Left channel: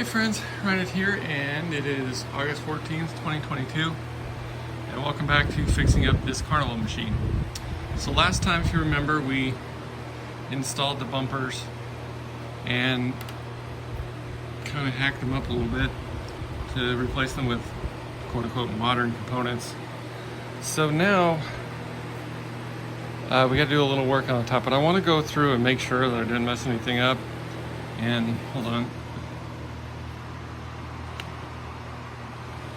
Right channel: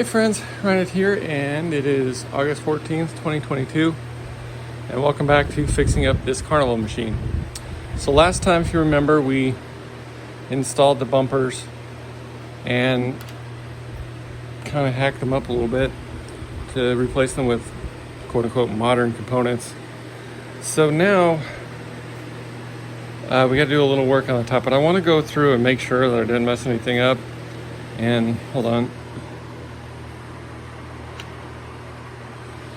Hey friends, Ryan here, and it is August 14th, 2022, and welcome back to fixing up this carnival machine. So last time, if you remember, we installed the bumpers and kind of hacked them up a little bit to replace them with quote-unquote modern components. So now we got to do a little work on the top, but I want to go through and make sure that I didn't mess anything up. And hold on.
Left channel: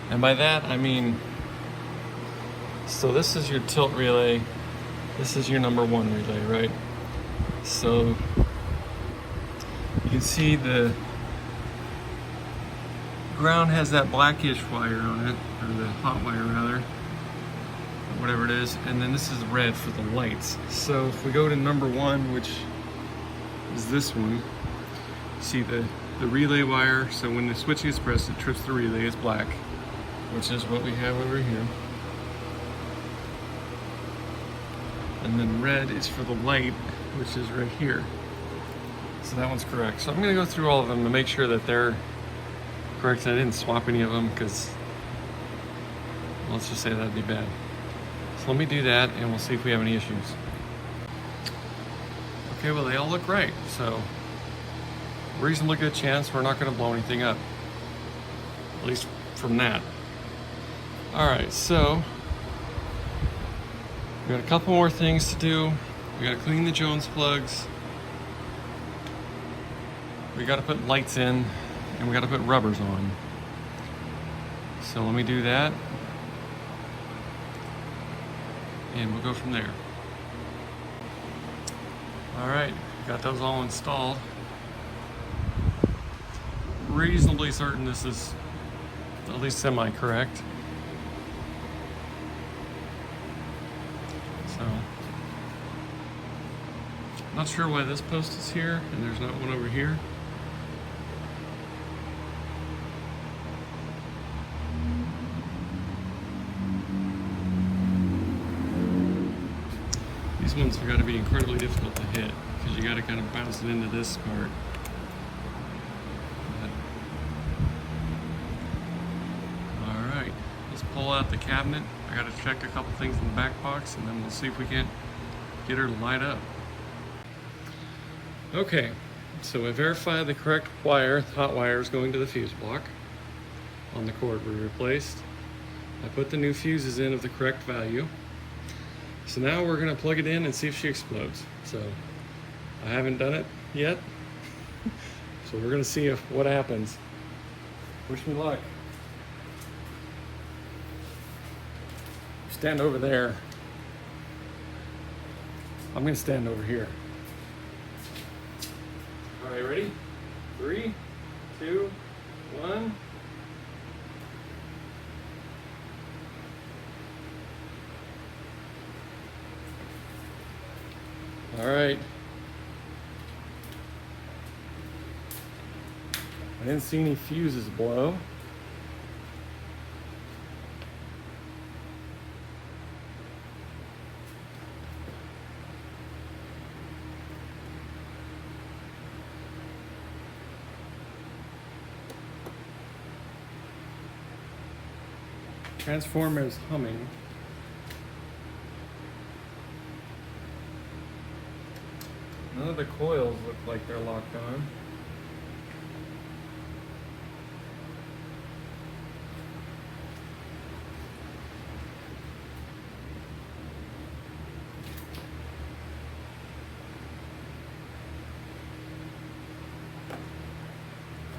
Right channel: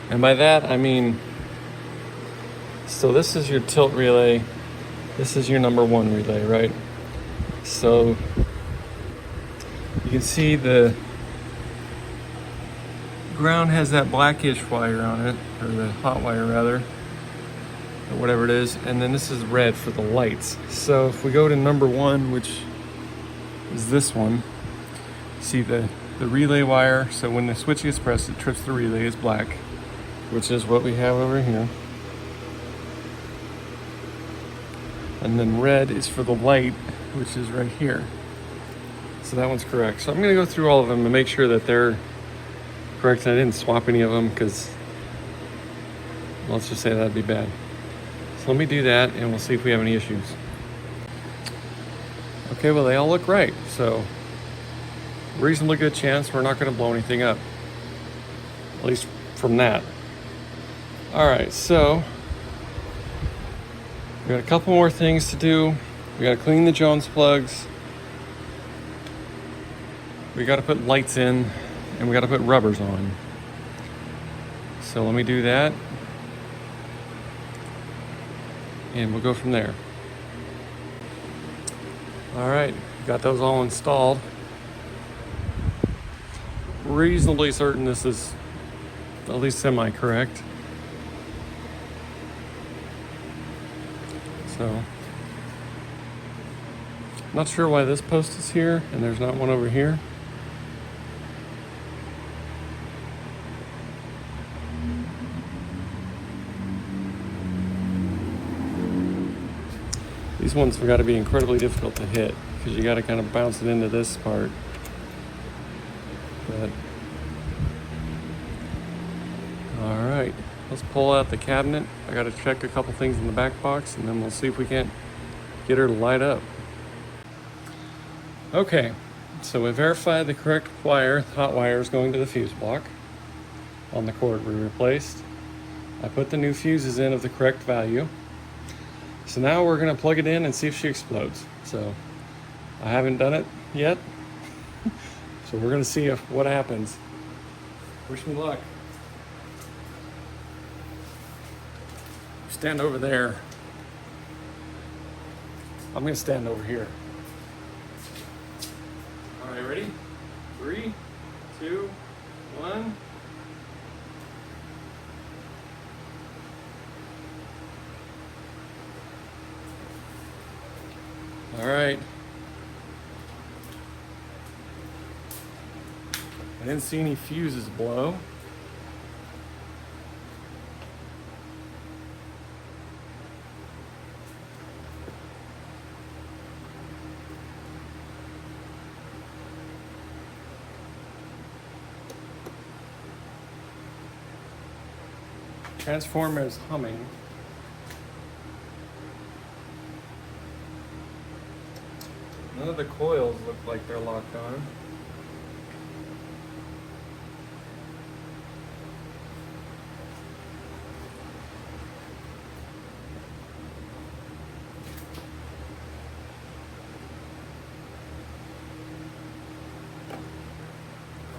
And by that, I mean, so this is your tilt relay. This is your number one relay, right? So you can see the ground has that blackish wire on it, or the hot wire rather, or whatever it is. And then this is red for the lights. So if we go to number one, which is this one, you see the relay wire. So when the switch gets pressed, it trips the relay, it's black, which is what we have over here. And then red is for the light, which is right here. So that one's correct. So I'm gonna go through all of them to make sure that they're correct. I didn't swap any of them because let's just say that'd be bad. So let me do that and we'll see if we have any issues. Okay, well they all look right. So reasonably good chance we're not gonna blow anything up. At least from that. All right, so we got a couple more things to do. We got to clean the Jones plugs. We got to put lights in, and we got to put rubbers on. So let me do that, and we'll go from there. All right, got those all installed. Reasonably certain this is at least semi-correct. So, not sure why this post is here and there's not one over here. These ones have got to be incredibly difficult to hit because you got to kind of bounce it into this part. But, all right, let's pull out the cabinet. I got to check a couple things in the back box and then we'll see if we can't get her to light up. Okay, so we verified the correct wire. The hot wire is going to the fuse block on the cord we replaced. I put the new fuses in of the correct value. So now we're gonna plug it in and see if she explodes. So I haven't done it yet. So we're gonna see what happens. Wish me luck. Stand over there. I'm gonna stand over here. All right, ready? 3, 2, 1. All right. I didn't see any fuses blow. Transformer is humming. None of the coils look like they're locked on.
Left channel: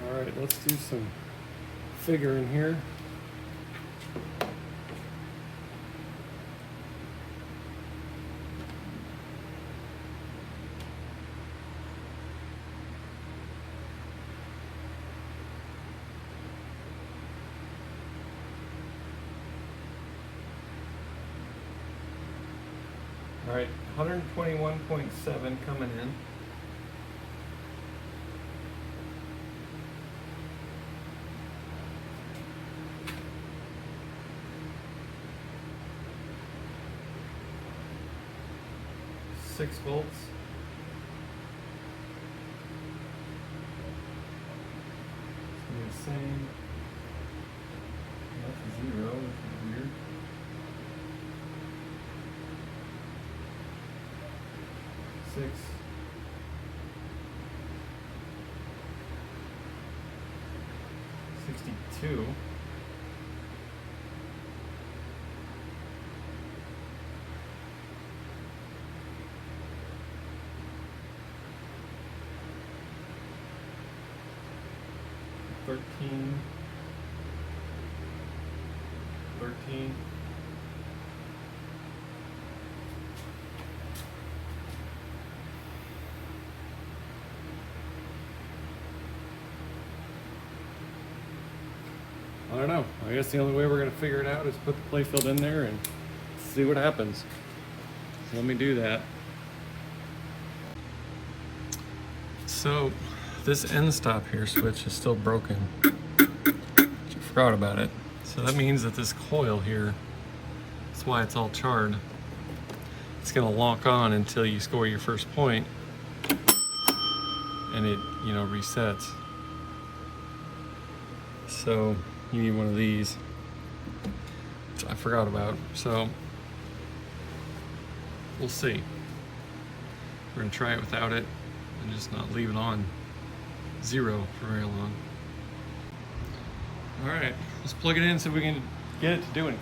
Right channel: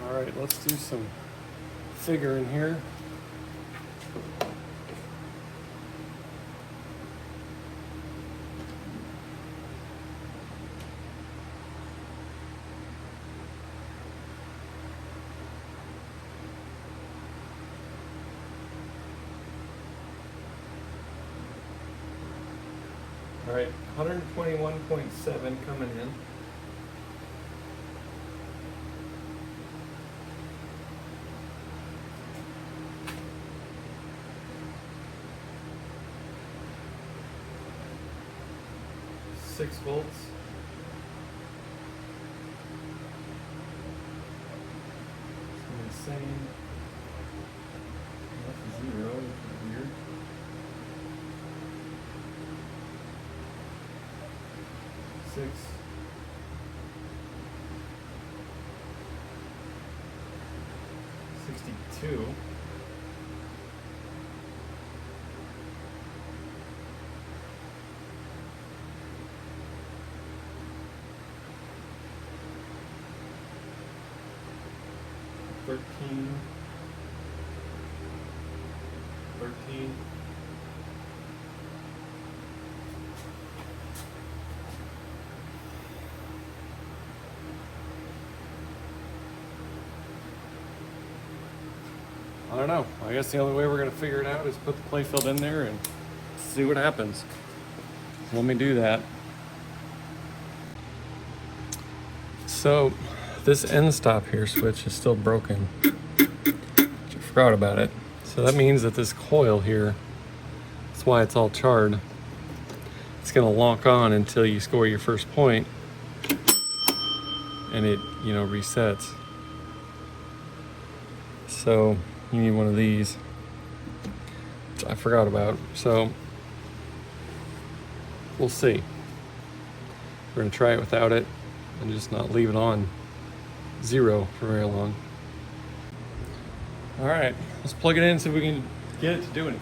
All right, let's do some figuring here. All right, 121.7 coming in. 6 volts. same. That's 0, which is weird. Six. 62. Thirteen. I don't know. I guess the only way we're going to figure it out is put the playfield in there and see what happens. Let me do that. So this end stop here switch is still broken. I forgot about it. So that means that this coil here, that's why it's all charred. It's going to lock on until you score your first point, and it, resets. So you need one of these, which I forgot about. So we'll see. We're gonna try it without it and just not leave it on 0 for very long. All right, let's plug it in so we can get it to do anything.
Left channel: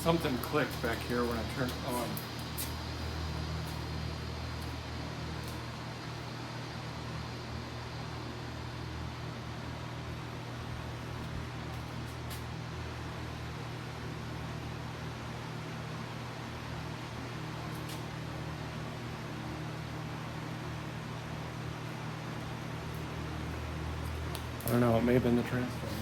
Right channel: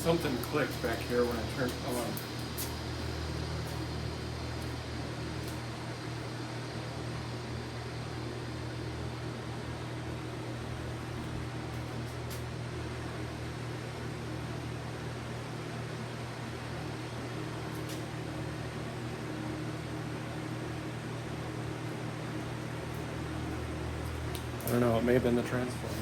Something clicked back here when I turned it on. I don't know, it may have been the transformer.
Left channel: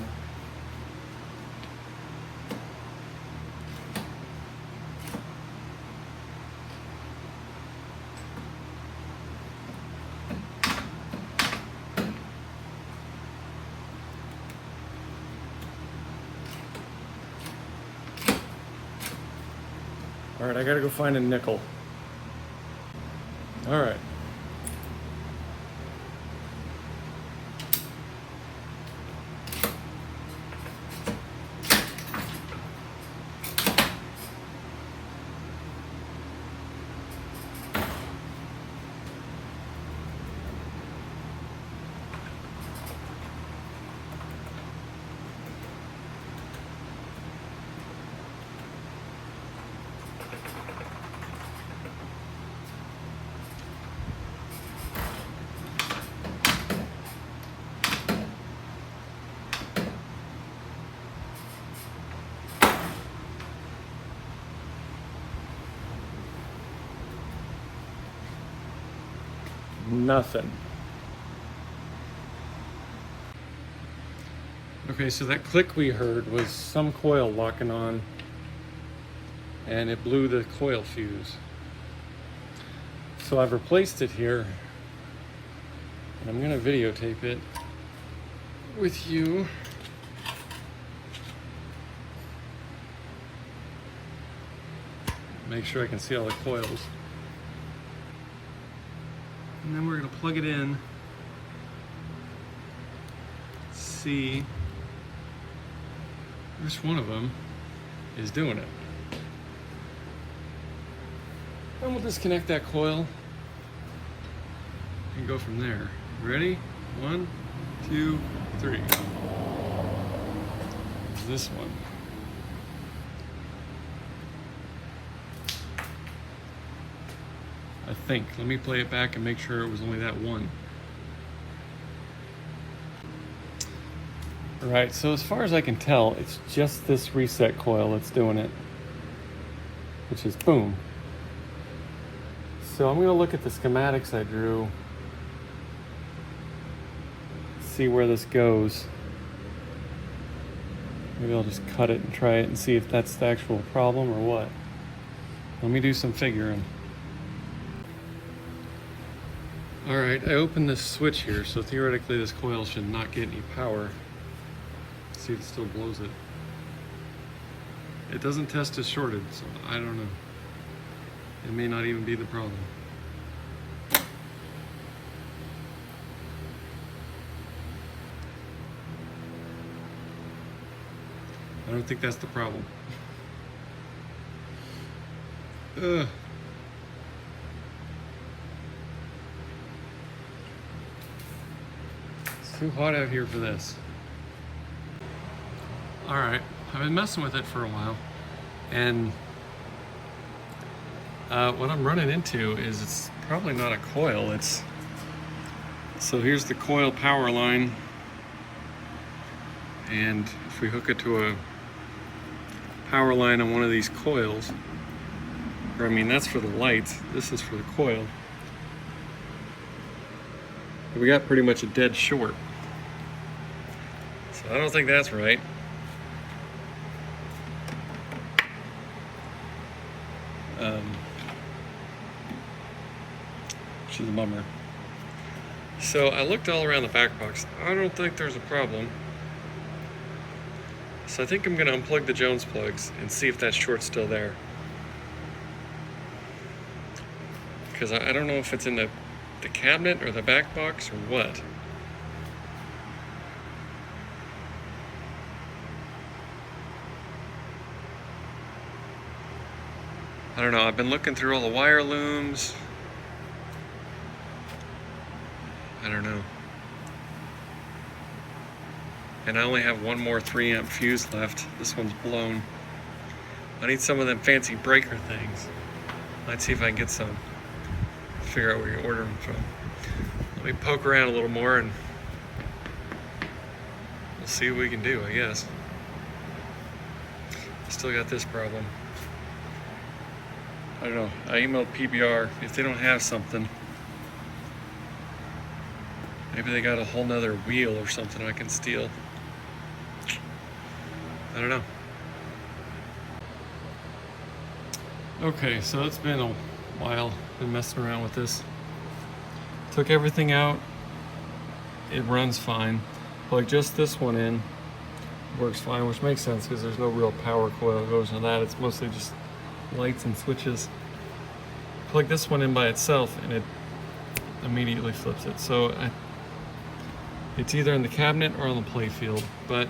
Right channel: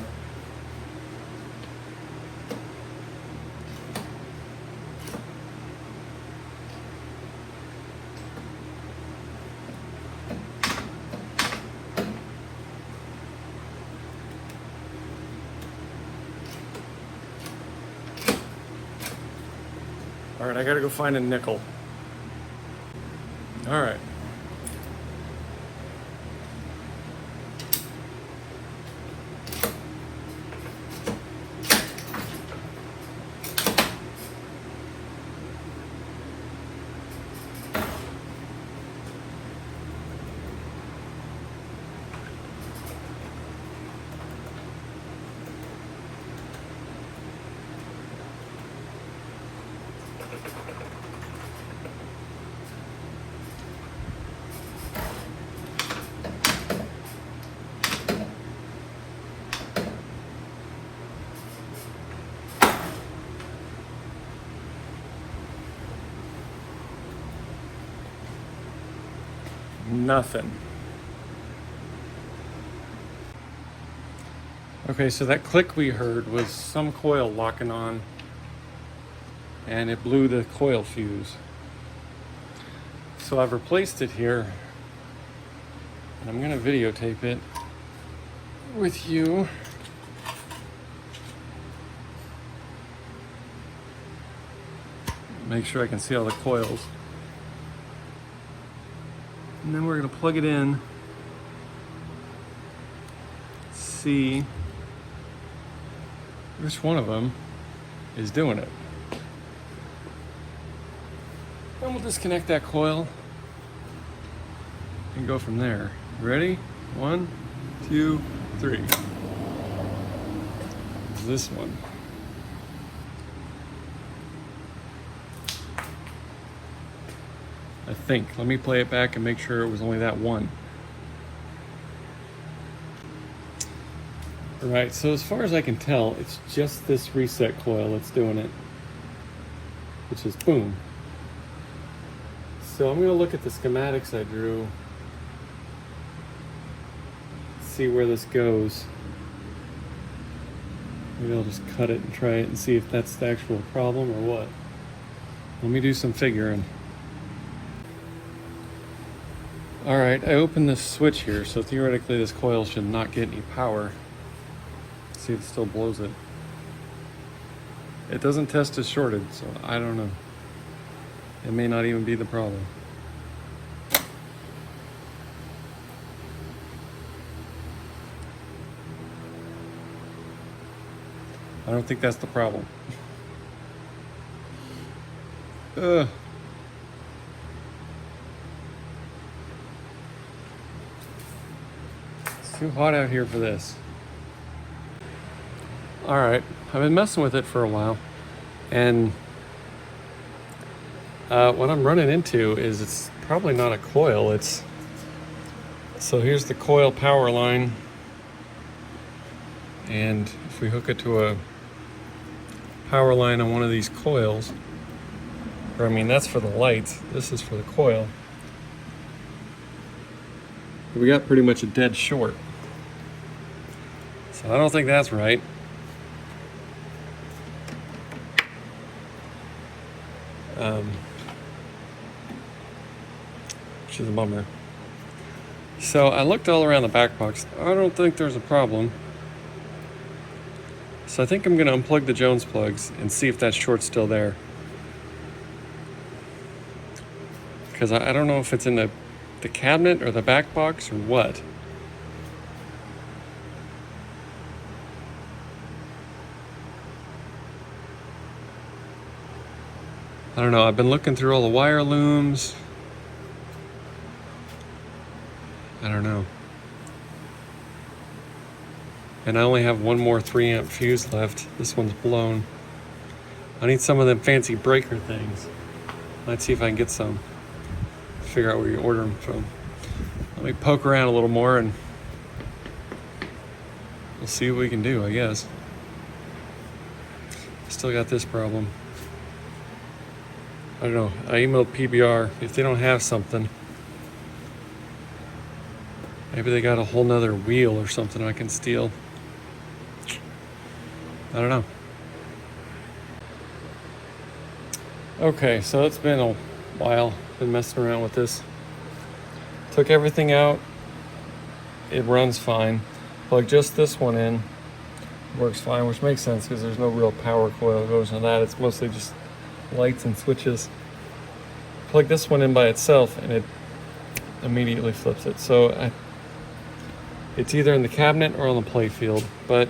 All right, I gotta go find a nickel. All right. Nothing. Okay, so that click we heard was some coil locking on, and it blew the coil fuse. So I've replaced it here, and I'm gonna videotape it with you. Make sure I can see all the coils. And then we're gonna plug it in, see which one of them is doing it. I'll disconnect that coil and go from there. Ready? 1, 2, 3. This one. I think. Let me play it back and make sure it was only that one. All right, so as far as I can tell, it's just this reset coil that's doing it, which is boom. So I'm gonna look at the schematics I drew, see where this goes. Maybe I'll just cut it and try it and see if that's the actual problem or what. Let me do some figuring. All right, I opened this switch here, so theoretically this coil should not get any power. Let's see if it still blows it. It doesn't test as shorted, so I don't know. It may not even be the problem. I don't think that's the problem. Ugh. It's too hot out here for this. All right, I've been messing with it for a while, and what I'm running into is it's probably not a coil. So here's the coil power line, and if we hook it to a power line on one of these coils, or I mean that's for the lights, this is for the coil, we got pretty much a dead short. So I don't think that's right. Which is a bummer. So I looked all around the back box. I don't think there's a problem. So I think I'm gonna unplug the Jones plugs and see if that short's still there. Because I don't know if it's in the cabinet or the back box or what. I don't know, I've been looking through all the wire looms. I don't know. And I only have one more 3 amp fuse left. This one's blown. I need some of them fancy breaker things. Let's see if I can get some. Figure out where you order them from. Let me poke around a little more and we'll see what we can do, I guess. Still got this problem. I don't know, I emailed PBR. If they don't have something, maybe they got a whole nother wheel or something I can steal. I don't know. Okay, so it's been a while. Been messing around with this. Took everything out. It runs fine. Plug just this one in. Works fine, which makes sense because there's no real power coil that goes on that. It's mostly just lights and switches. Plug this one in by itself and it immediately flips it. So it's either in the cabinet or on the play field. But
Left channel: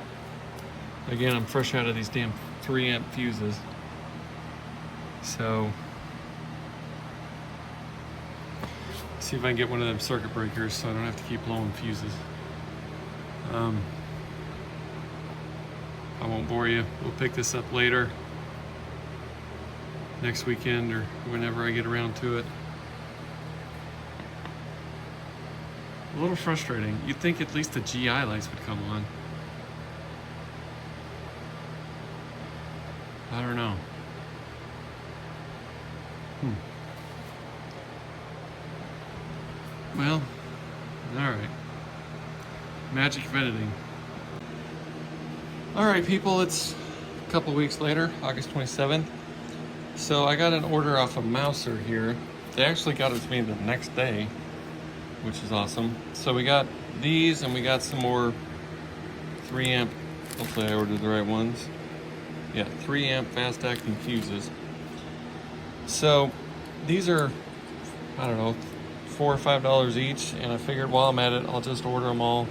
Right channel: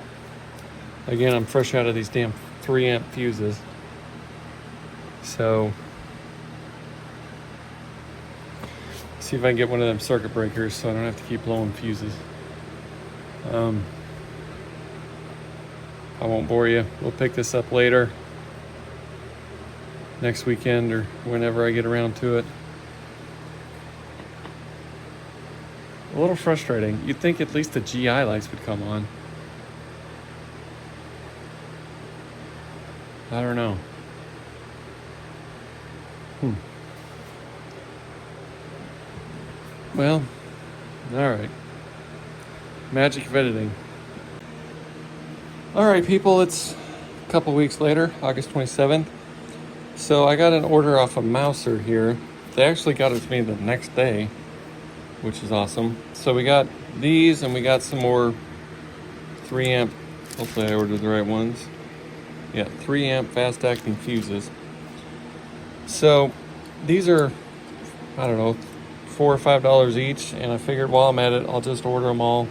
again, I'm fresh out of these damn 3 amp fuses. So see if I can get one of them circuit breakers so I don't have to keep blowing fuses. I won't bore you. We'll pick this up later. Next weekend or whenever I get around to it. A little frustrating. You'd think at least the GI lights would come on. I don't know. Well, all right. Magic of editing. All right, people, it's a couple weeks later, August 27th. So I got an order off of Mouser here. They actually got it to me the next day, which is awesome. So we got these and we got some more 3 amp, hopefully I ordered the right ones. Yeah, 3 amp fast acting fuses. So these are, I don't know, $4 or $5 each, and I figured while I'm at it, I'll just order them all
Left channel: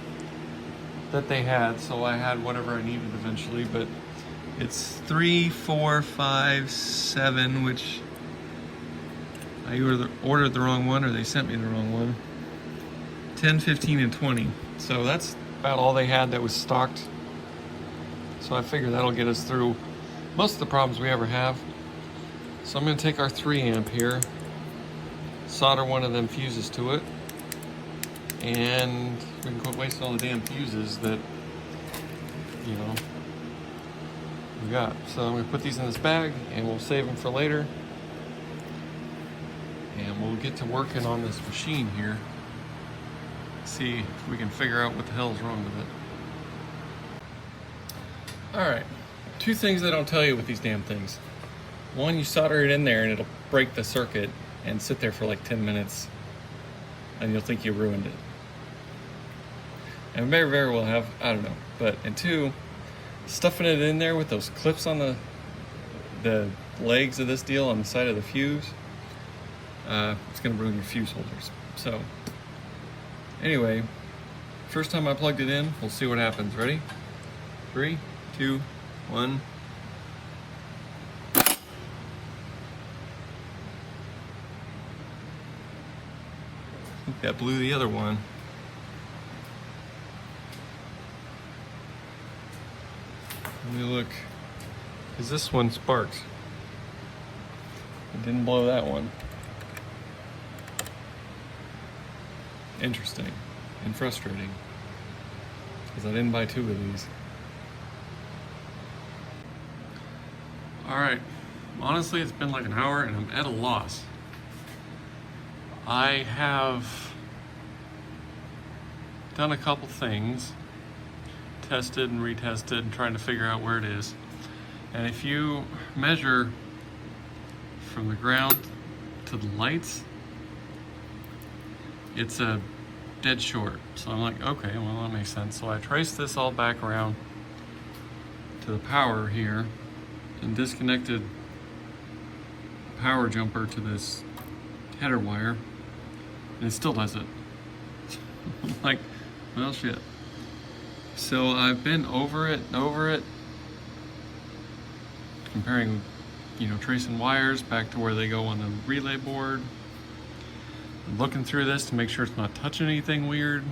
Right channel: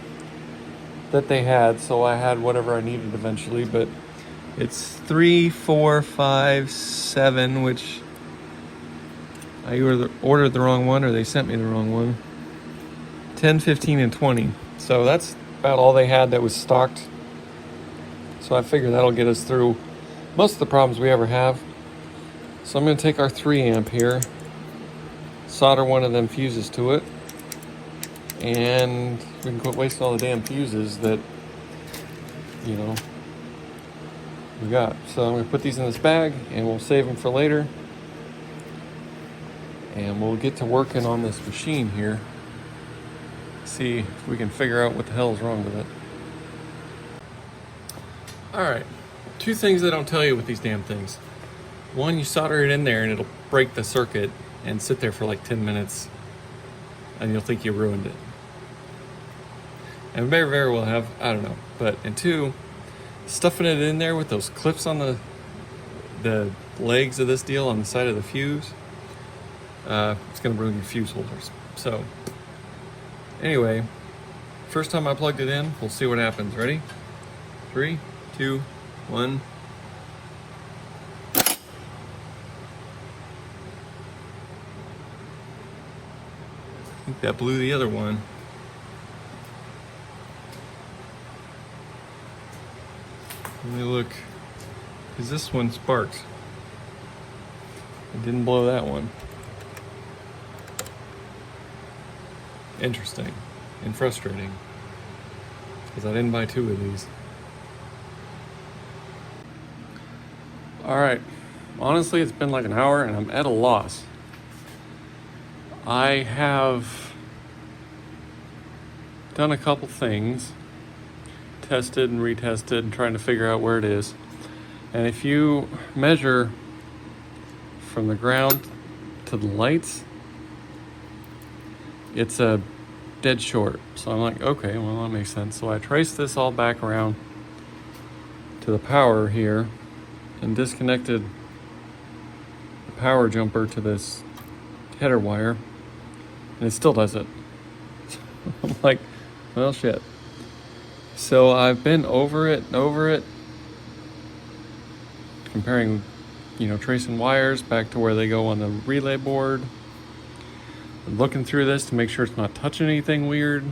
that they had, so I had whatever I needed eventually. But it's 3, 4, 5, 7, which I either ordered the wrong one or they sent me the wrong one. 10, 15, and 20. So that's about all they had that was stocked. So I figure that'll get us through most of the problems we ever have. So I'm going to take our 3 amp here, solder one of them fuses to it, and we can quit wasting all the damn fuses that, you know, we got. So I'm going to put these in this bag and we'll save them for later. And we'll get to working on this machine here. See if we can figure out what the hell is wrong with it. All right, 2 things I don't tell you with these damn things. One, you solder it in there and it'll break the circuit and sit there for like 10 minutes and you'll think you ruined it. And very, very well have, I don't know. But, and two, stuffing it in there with those clips on the legs of this deal on the side of the fuse, it's gonna ruin your fuse holders. So, anyway, first time I plugged it in, we'll see what happens. Ready? 3, 2, 1. That blew the other one. Let me look, because this one sparked. It didn't blow that one. Interesting and frustrating, because I didn't buy 2 of these. All right, honestly, it's been like an hour and I'm at a loss. I have done a couple things, tested and retested and trying to figure out where it is. And if you measure from the ground to the lights, it's a dead short. So I'm like, okay, well, that makes sense. So I traced this all back around to the power here and disconnected the power jumper to this header wire, and it still does it. I'm like, well, shit. So I've been over it, comparing, tracing wires back to where they go on the relay board. I'm looking through this to make sure it's not touching anything weird.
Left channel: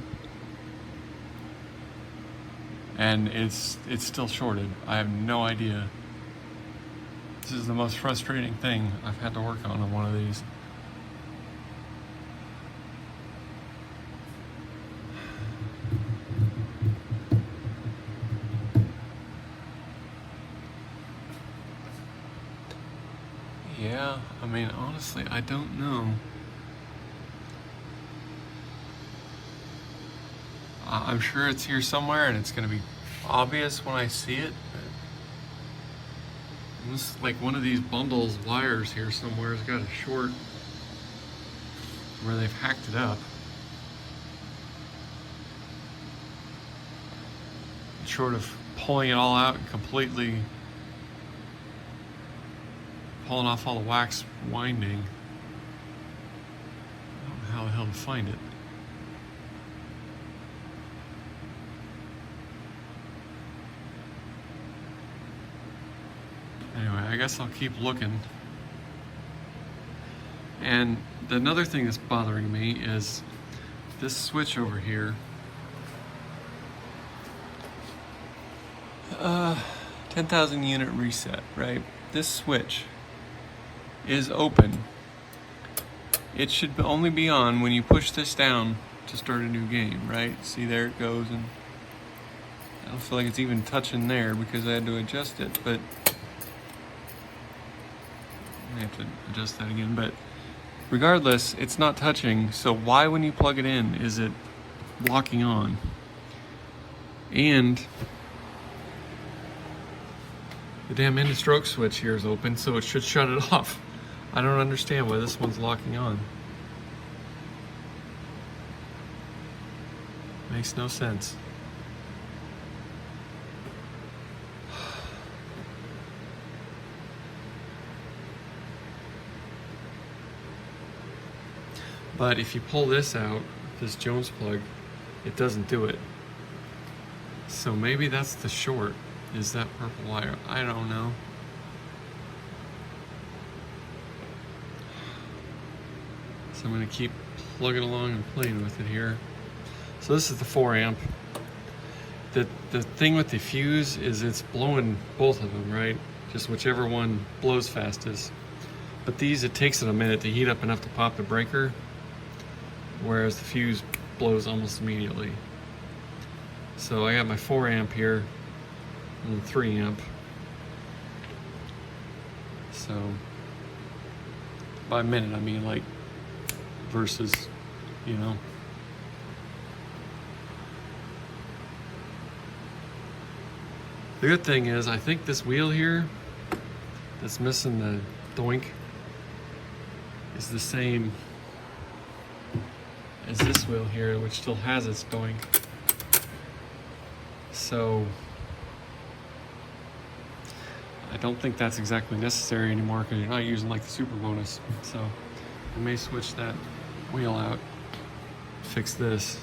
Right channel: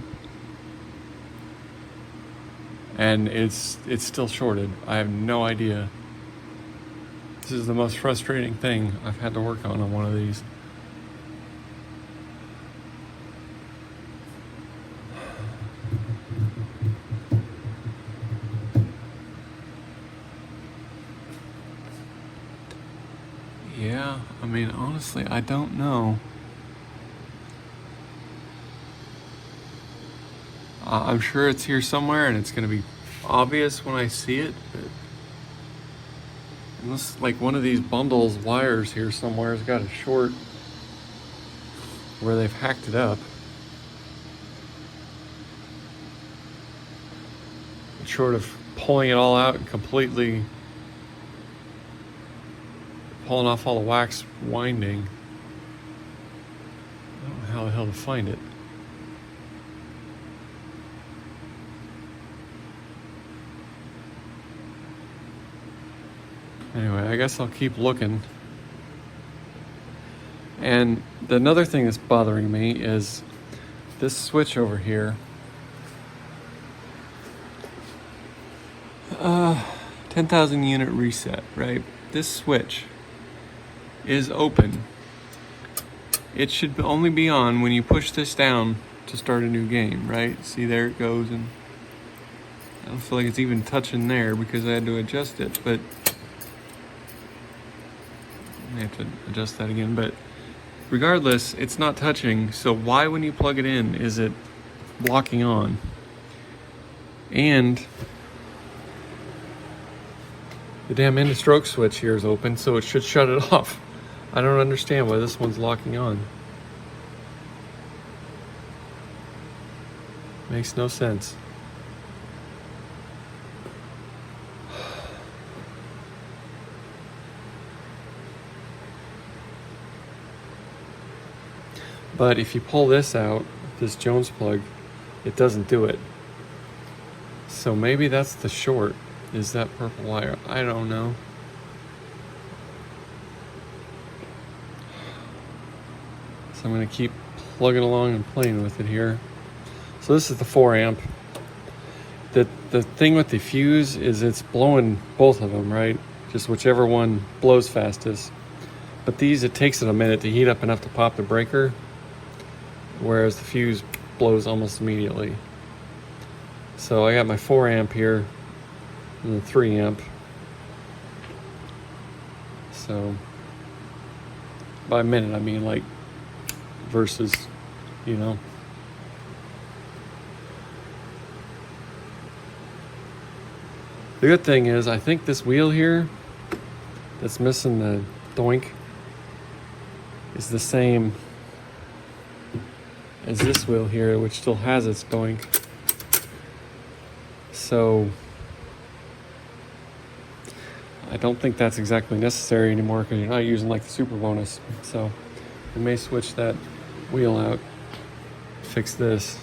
And it's still shorted. I have no idea. This is the most frustrating thing I've had to work on one of these. Yeah, I mean, honestly, I don't know. I'm sure it's here somewhere and it's going to be obvious when I see it, but it looks like one of these bundles wires here somewhere has got a short where they've hacked it up. Short of pulling it all out and completely pulling off all the wax winding. I don't know how the hell to find it. Anyway, I guess I'll keep looking. And another thing that's bothering me is this switch over here. 10,000 unit reset, right? This switch is open. It should only be on when you push this down to start a new game, right? See, there it goes, and I don't feel like it's even touching there because I had to adjust it, but I have to adjust that again. But regardless, it's not touching, so why, when you plug it in, is it locking on? And the damn end of stroke switch here is open, so it should shut it off. I don't understand why this one's locking on. Makes no sense. But if you pull this out, this Jones plug, it doesn't do it. So maybe that's the short, is that purple wire. I don't know. So I'm gonna keep plugging along and playing with it here. So this is the 4 amp. The thing with the fuse is it's blowing both of them, right? Just whichever one blows fastest. But these, it takes it a minute to heat up enough to pop the breaker, whereas the fuse blows almost immediately. So I got my 4 amp here and the 3 amp. So by a minute, I mean like versus, you know. The good thing is, I think this wheel here that's missing doink is the same as this wheel here, which still has its doink. So I don't think that's exactly necessary anymore because you're not using like the super bonus. So I may switch that wheel out, fix this.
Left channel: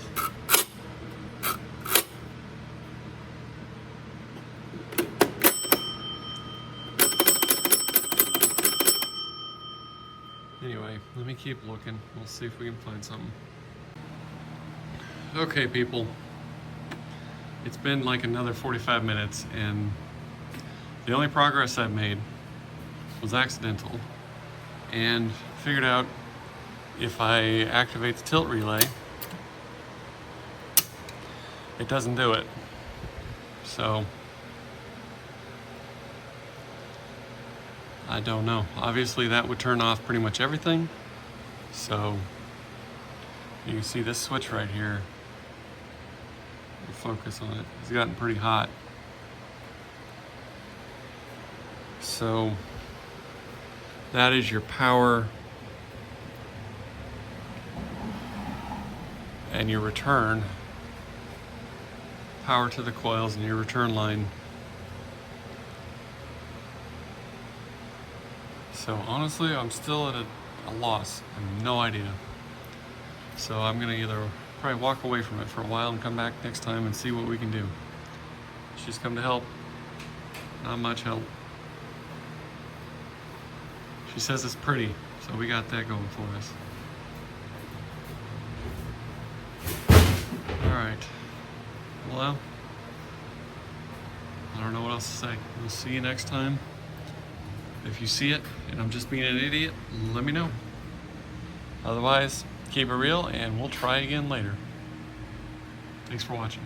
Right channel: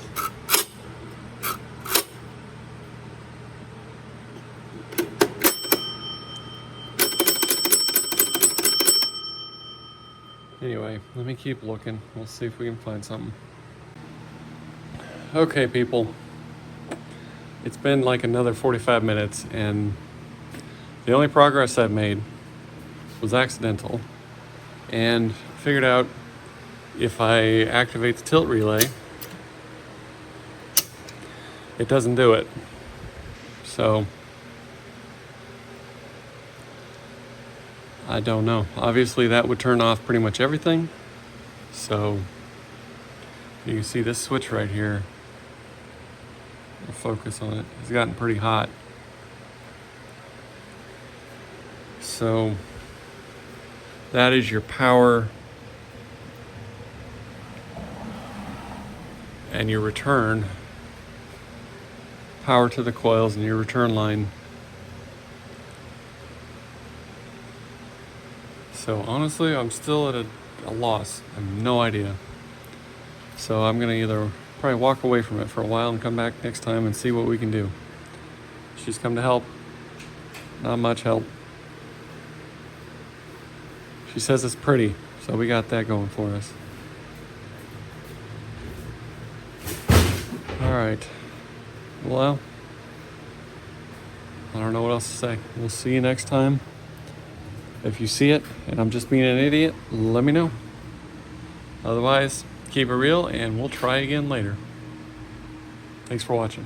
Anyway, let me keep looking. We'll see if we can find something. Okay, people. It's been like another 45 minutes and the only progress I've made was accidental. And figured out if I activate the tilt relay, it doesn't do it. So I don't know. Obviously that would turn off pretty much everything. So you see this switch right here. We'll focus on it. It's gotten pretty hot. So that is your power and your return. Power to the coils and your return line. So honestly, I'm still at a loss. I have no idea. So I'm gonna either probably walk away from it for a while and come back next time and see what we can do. She's come to help. Not much help. She says it's pretty, so we got that going for us. All right. Well, I don't know what else to say. We'll see you next time. If you see it and I'm just being an idiot, let me know. Otherwise, keep it real and we'll try again later. Thanks for watching.